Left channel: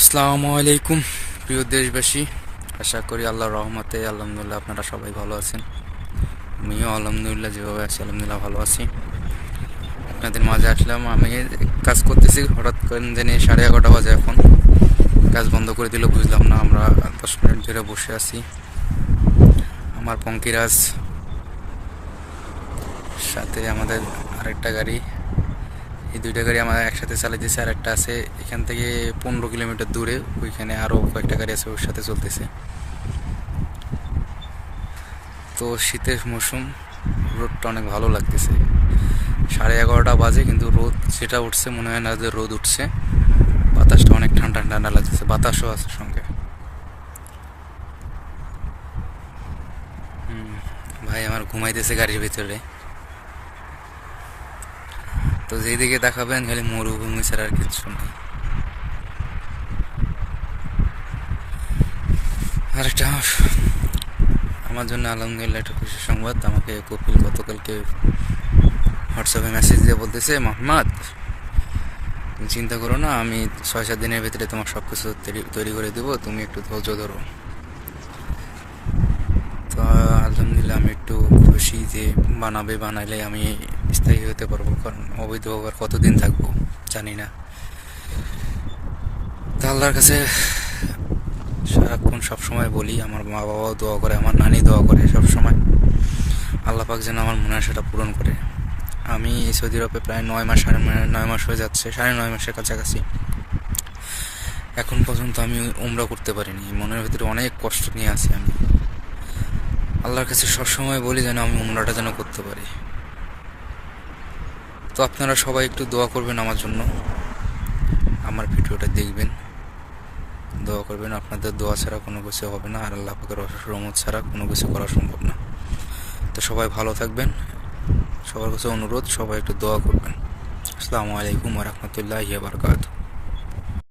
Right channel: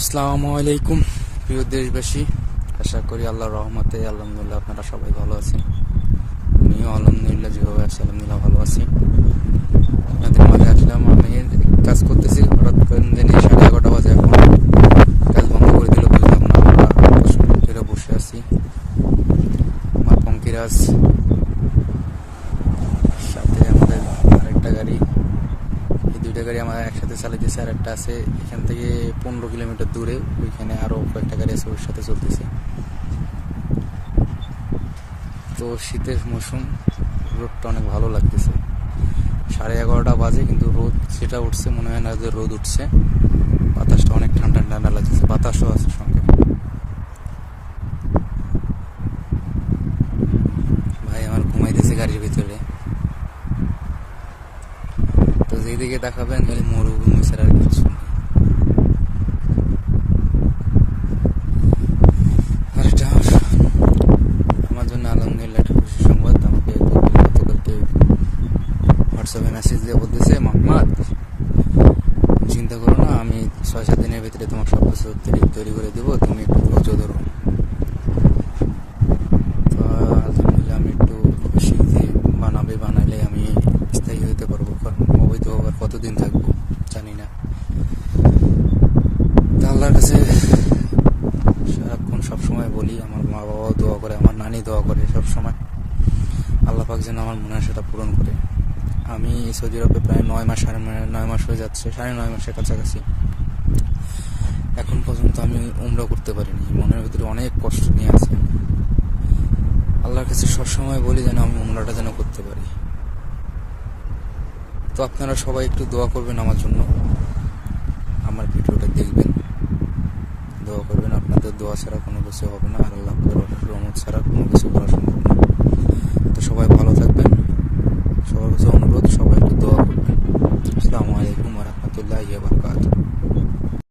আসসালামু আলাইকুম প্রিয় দেশবাসী, আশা করি আল্লাহর রহমতে আলহামদুলিল্লাহ আপনারা সবাই ভালো আছেন। আমিও আলহামদুলিল্লাহ যেভাবে আছি আলহামদুলিল্লাহ ভালো আছি। আপনাদের মাঝে আসলাম। আমি কাজ করতেছি, হঠাৎ করে জানি 11:30 বাজে। এখন কাজ বন্ধ করে দিল, বুঝলাম না। আমরা 10 মিনিট ধরে বসে আছি। আমার পঙ্কিরাজ, সাথে আমাদের আরেকটা গাড়ি, এই দুইটা গাড়ি আমরা একসাথে চালাইতেছে। আর একটা আছে এখান থেকে 15 কিলোমিটার দূরে, ওইখানে আরও কয়েকটা গাড়ি আছে, ওর সাথে চলতেছে। তো শীতের মৌসুম, রোদটা অনেক ভালো লাগতেছে। 11:30 বাজে, কিন্তু রোদ যেটা উঠছে মনে হয় না যে রোদ উঠছে। বাতাসটা অনেক ঠান্ডা ঠান্ডা লাগতেছে, বাতাসও আছে সঙ্গে। ভাই আমার ঘুমাইতেছে গাড়ির ভিতরে। তো যেদিকে দেখাবেন খালি মরুভূমি ছাড়া আর কিছু নেই। আর এটা আমার জন্য আলহামদুলিল্লাহ একটা খুশি সংবাদ। আমাকে কপিল গতকালকে হোয়াটসঅ্যাপে মেসেজ দিয়ে বলতেছে, মোহাম্মদ চিন্তা করো না, আমি 6-7 দিনের ভিতরে তোমার সব কিছু তৈরি করে দেবো, তুমি একটু ধৈর্য ধরো। তো আলহামদুলিল্লাহ আমি একটু খুশি যে বানাইলে আমি স্থায়ী হতে পারবো, কারণ অবৈধ আর কতদিন থাকবো জানি না। তো আল্লাহর কাছে সারাক্ষণ সবসময় বলি, আমার মা বাবাও দোয়া করে, আমার নানি দোয়া করে সব সময়, আল্লাহ পাক যেন আমার মনে আশাটা পূরণ করে। আমি সৌদি আরবে প্রায় 9 মাস, 9.5 মাস হয়ে যাচ্ছে, 9.5 মাসের কাছাকাছি। এখন পর্যন্ত আমি উমরা করতে পারিনি। মনের ভিতরে অনেক কষ্ট নিয়ে আছি আমি। আল্লাহর কাছে সবসময় বলি যেন আমি উমরাটা যেন করতে পারি। তো আপনারা সবাই একটু দোয়া করবেন আমার জন্য, আমার ভিডিওটা দেখবেন, দোয়া করবেন। আপনাদের দোয়া ছাড়া কোনো কিছু হবে না, আর আল্লাহ পাকের অশেষ রহমত ছাড়া কোনো কিছু করা সম্ভব না। তো সবাই ভালো থাকবেন, সবার কাছে অনুরোধ, সবাই একটু দোয়া করবেন। আসসালামু আলাইকুম ওয়া রাহমাতুল্লাহি ওয়া বারাকাতুহু।